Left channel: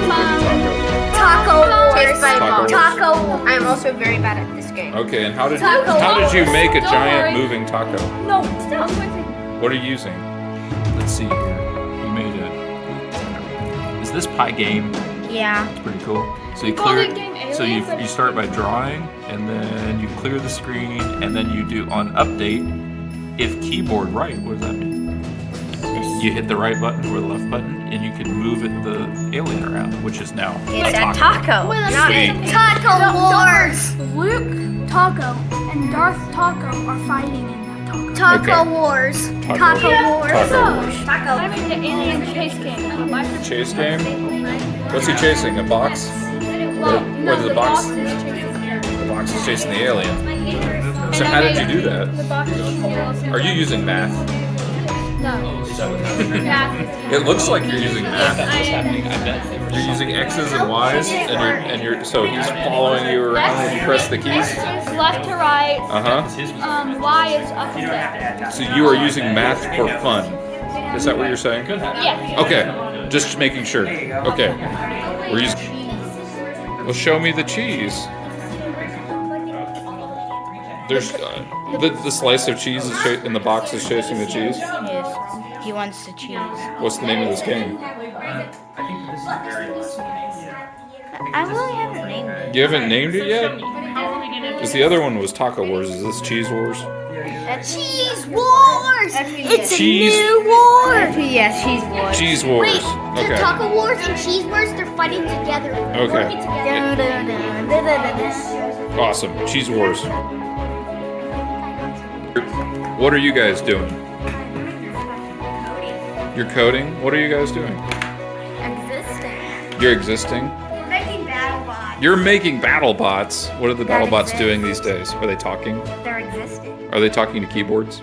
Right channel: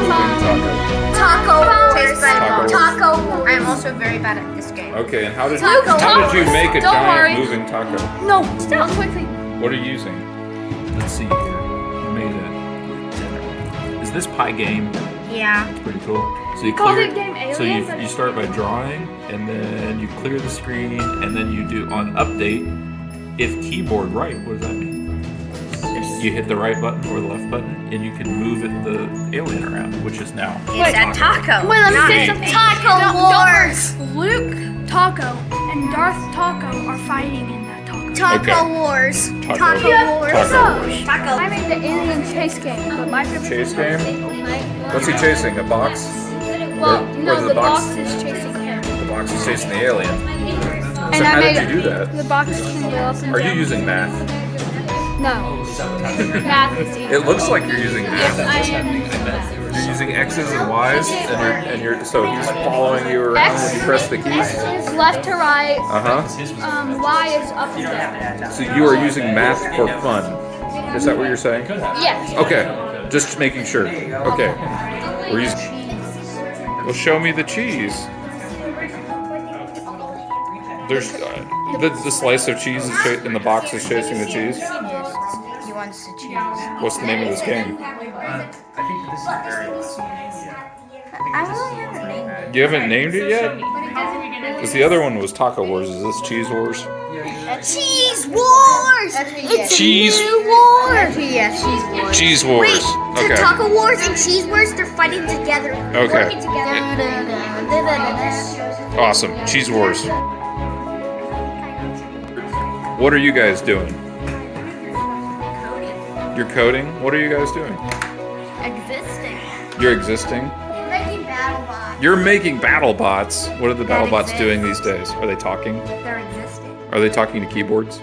moving taco? Taco. Taco. I am also very bad at this game. Okay, and how did you make a giant moving taco? No, stop. What are you using? Let's see here. You made a. Is this Pie Game? Yeah. It's pretty cool. So you clear it. So you start by drawing, and then you clear the screen, and then you do on update. If keyboard right, what does that mean? You hit the right button or the left button, and you can move the alien around, which is now It's a taco. Wait, let's get some Taco Wars. Luke Taco and Darth Taco are fighting in that taco. Okay. Wars. Taco Wars. Taco. I'm in the alien chase game. Chase game? What's he chasing? A box? Well, Or the box? is chasing him. The box is chasing the alien. So how did you do that? The box is chasing the alien. Are you using math? No. Math is easy. It looks like you're using math. what's happening. I bet they were. You're using X's and Y's, and you're so he's following you around when you press the keys. X is left to right. Uh-huh. Y is up and down. So you are using math for fun. Is that what you're saying? Yes. Okay. Just making sure. Okay. We're using. Well, show me the cheese. There's the slice of cheese is in the box is chasing the cheese. Yes. He wants to choose. What's the name of this game? I really haven't named it. You haven't named it yet? Because the other one was Taco Wars. Is this Cheese Wars? Cheese Wars! It's Cheese- a new war! Yeah, Cheese Wars. Cheese Wars. So Okay. Taco Wars and Cheese Wars, they're fighting together. Okay. Working together. Awesome. Cheese Wars. What are you guys doing? You're coding? What are you guys doing? Existing. You're existing? We're making battle bots. You're making battle bots. What are the battle bots doing these days? Are they talking? They're existing. Are they talking to keyboards?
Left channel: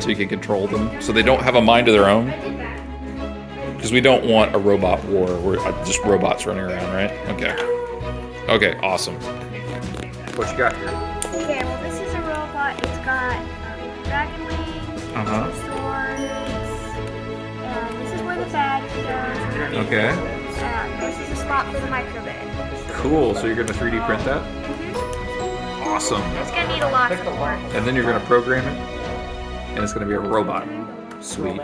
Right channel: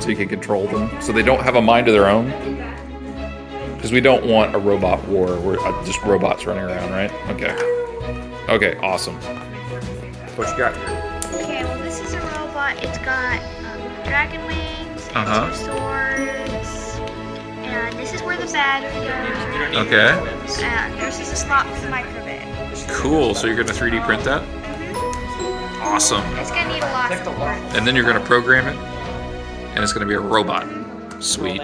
So you can control them? So they don't have a mind of their own? Because we don't want a robot war. We're just robots running around, right? Okay. Okay, awesome. What you got here? Okay, well this is a robot. It's got dragon wings and Uh-huh. two swords. And this is where the battery goes. Okay. And this is a slot for the microwave. Cool. So you're going to 3D print that? Awesome. It's gonna need a lot of work. And then you're going to program it, and it's going to be a robot. Sweet.